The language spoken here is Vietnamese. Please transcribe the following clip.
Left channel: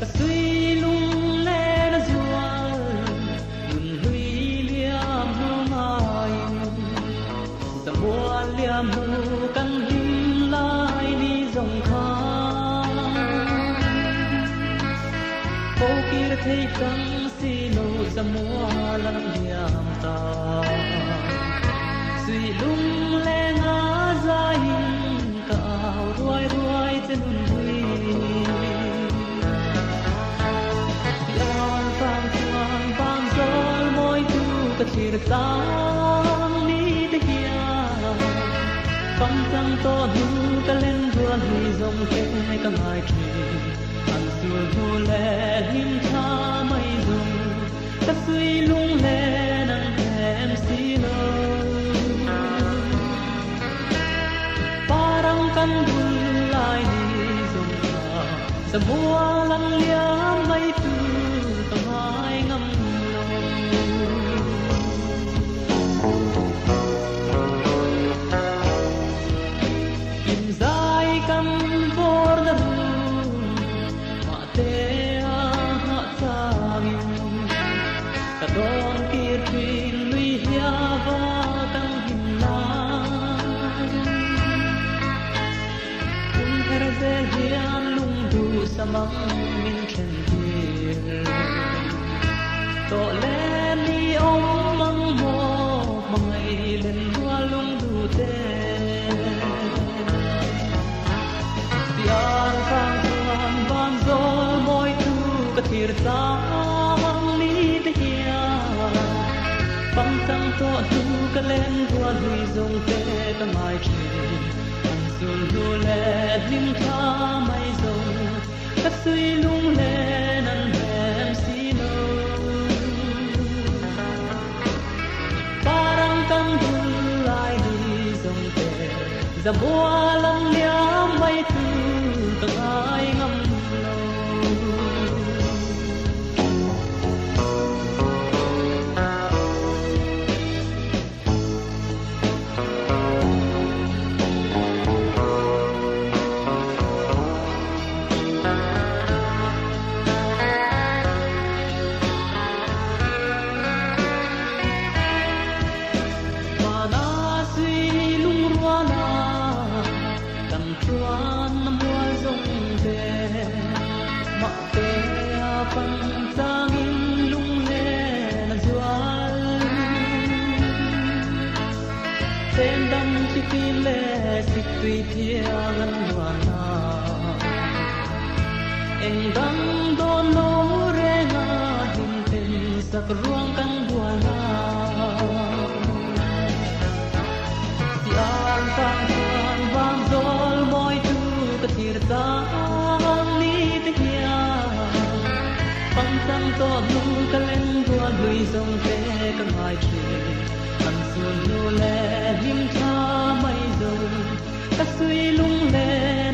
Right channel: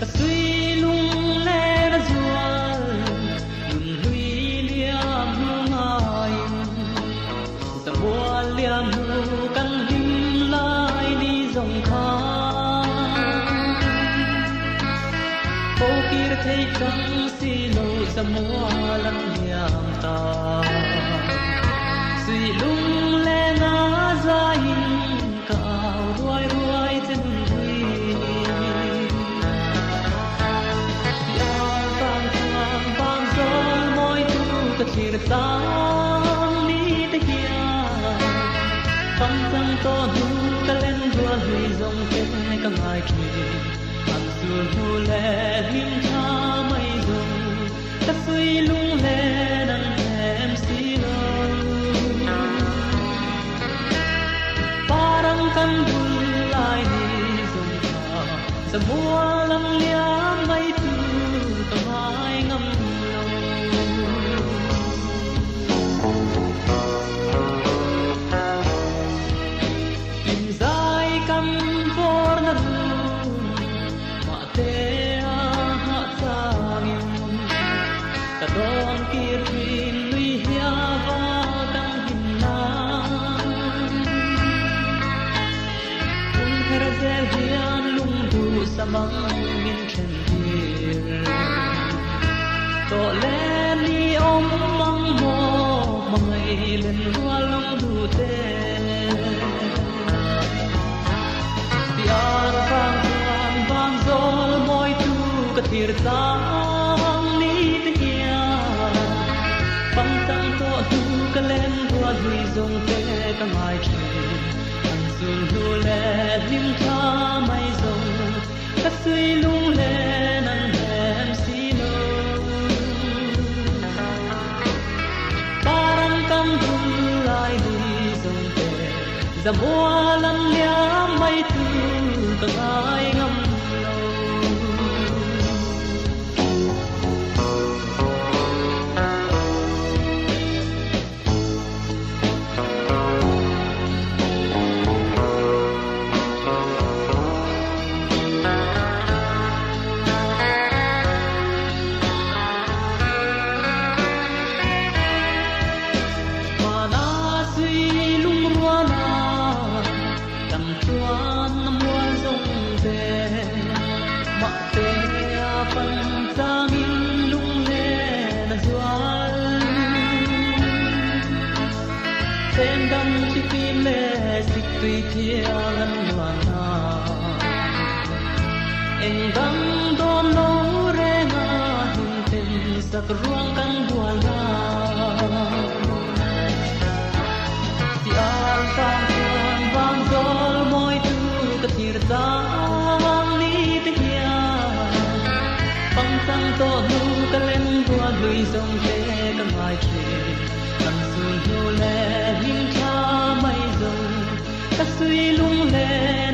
ta suy lung lẽ đã ruột nhìn huy liam hương ngài ta buồn liam hương căng him lại đi dòng tháng phố kia thấy trắng xì lô ra mua lắm niềm ta suy lung lẽ ngã ra hình cào đuôi đuôi chân huy lao càng càng bám gió môi tu cả thiệt sáng ní tới kia căng căng to du cả lên vua huy dòng kia cả ngày kia hàng xưa du lệ hiên tha mây rừng ta suy lung lẽ đang em xí lâu parang kan bulay ni zumba sa buwan liang may tu pangay ngam inzay kan for na rum mate ha sayang kadang kirwin lui hiava kang hinang Hian lung du sa mong min khen hier to le ni om mong mo mangai lên hoa lung du te tiar phang phang ban zo moi tu ka thir tang ni te hian tang tang to tu ka lên hoa hui zong te ka mai chen dương du lệ hiên tha mây rồng ta suy lung lệ nàng em xí lâu ta căng dung lại đi dòng về ra mua lắm nhớ mây tu từng ai ngâm tên đăng chỉ phim lệ dịch tùy theo lắm loạn anh đăng đo máu rê ngà hình tình giặc ruộng căng đùa ngà tiang phang phang vang dol môi tu ka thir tang ni te hian phang phang to nu ka lên đùa lui dòng thế ka mai che anh suy lu lệ hiên tha mây rồng ta suy lung lệ